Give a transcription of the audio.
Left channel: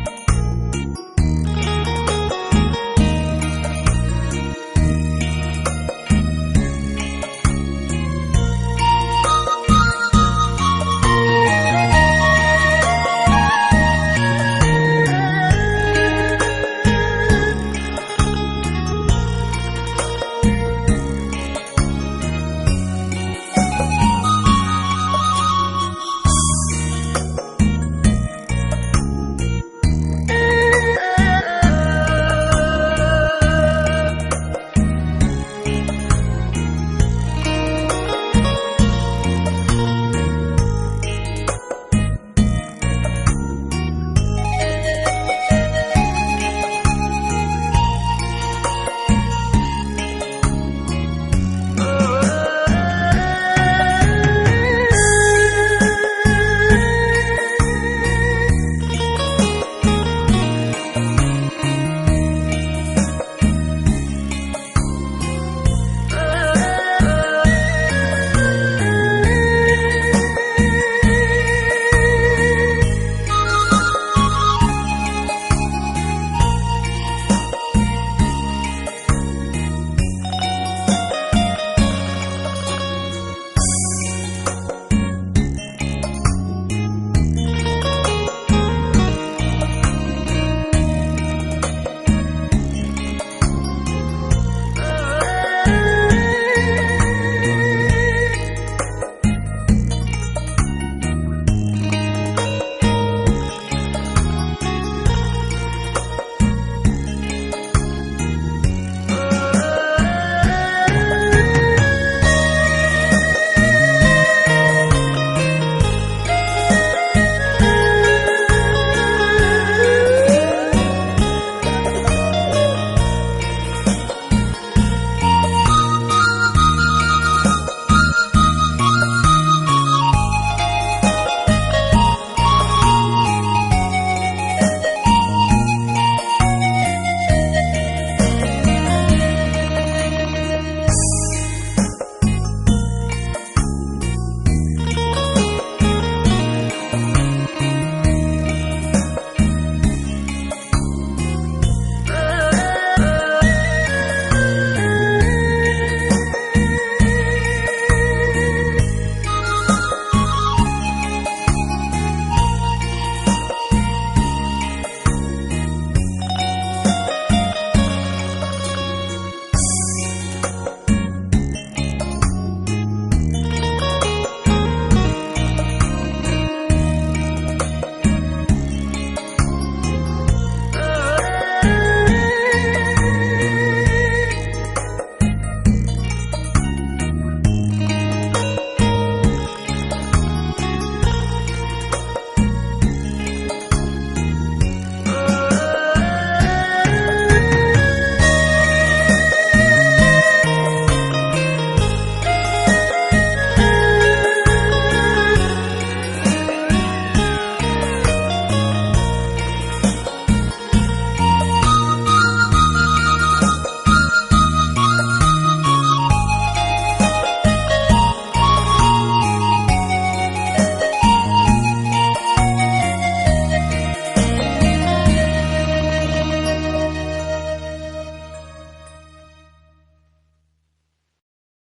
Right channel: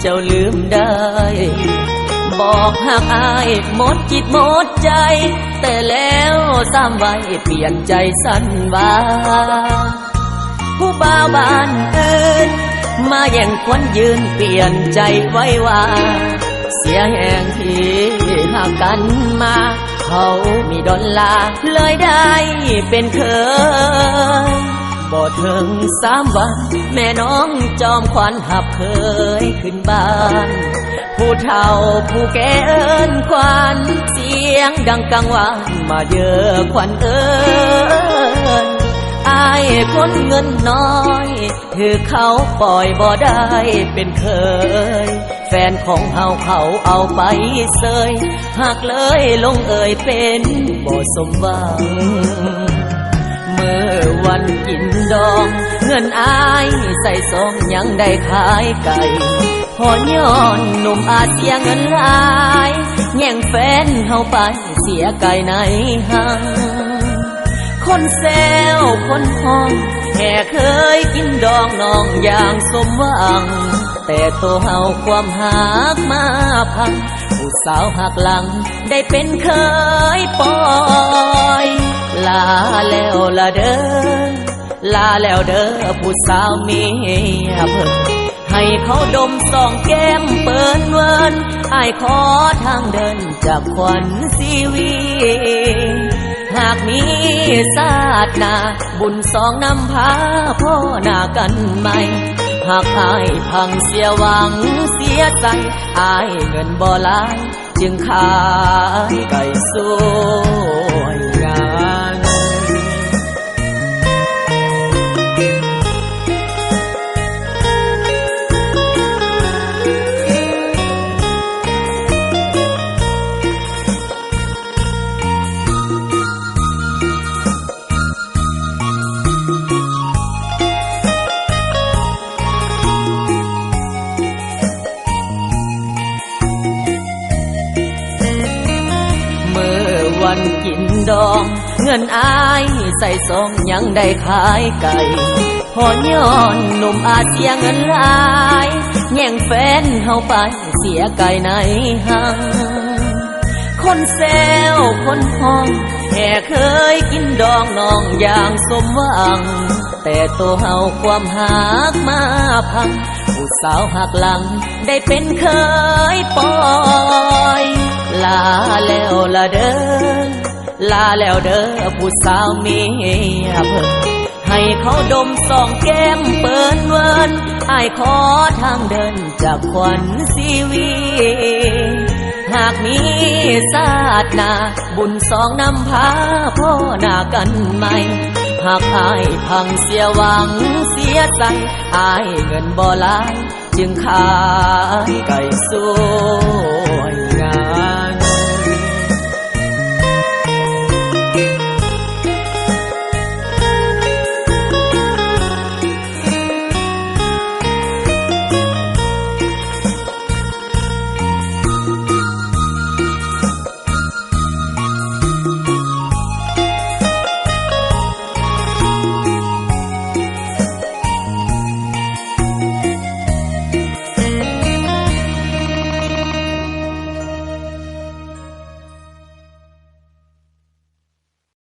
เจ้าลืมได้บอกหักอายหมดจิตหมดใจแต่แล้วซ้ำไว้เปลี่ยนใจสั้นว่าผู้บ่าวบ้านอื่นมาแย่งควันยืนเปลี่ยนใจไว้ว่าเสียแห่งที่หากกันมาเขามีดอลลาร์เลยได้เป็นเคยบ่ถึง3 วันแม่น้องจอมขวัญหับเคยขึ้นบ้านผู้เฒ่าผู้แก่เอิ้นขวัญเสียงดังกังวานมาเยอะขวัญเอิ้นอายคนเงินน้อยถือเขาปล่อยบ่ได้เป็นเคยแฟนของเฮาเขาเอาไปเสยหักเลยลงเอ่ยเป็นบ่สมหวังเมื่อวันกินดองเงินอายใส่ซองยังได้ขายไก่พอย้อนหนุ่มอาเสียเงินหลายแย่งแฟนเฮาไปเสียไก่ในห้างคนแซวคนห้องแค่เคยกินดองน้องอย่างสมหวังแต่ตัวเฮาความหักมาพังผู้สาวหักหลังได้เป็นเคยปล่อยลาแล้วละเด้อลาแล้วเด้อผู้สาวเมียเพิ่นให้เขาดมสองแก้มเปิดเวินอ้ายขอทางเดินจากขวัญชีวิตหากมีศาสตร์หน้าบุญสองนำพาพ่อหน้ากันใหม่หากอายพังเสียหวังเสียใจอายเงินบ่หลายจึงขายไก่สู้งานเงินอายใส่ซองยังได้ขายไก่พอย้อนหนุ่มอาเสียเงินหลายแย่งแฟนเฮาไปเสียไก่ในห้างคนแซวคนห้องแค่เคยกินดองน้องอย่างสมหวังแต่ตัวเฮาความหักมาพังผู้สาวหักหลังได้เป็นเคยปล่อยลาแล้วละเด้อลาแล้วเด้อผู้สาวเมียเพิ่นให้เขาดมสองแก้มเปิดเวินอ้ายขอทางเดินจากขวัญชีวิตหากมีศาสตร์หน้าบุญสองนำพาพ่อหน้ากันใหม่หากอายพังเสียหวังเสียใจอายเงินบ่หลายจึงขายไก่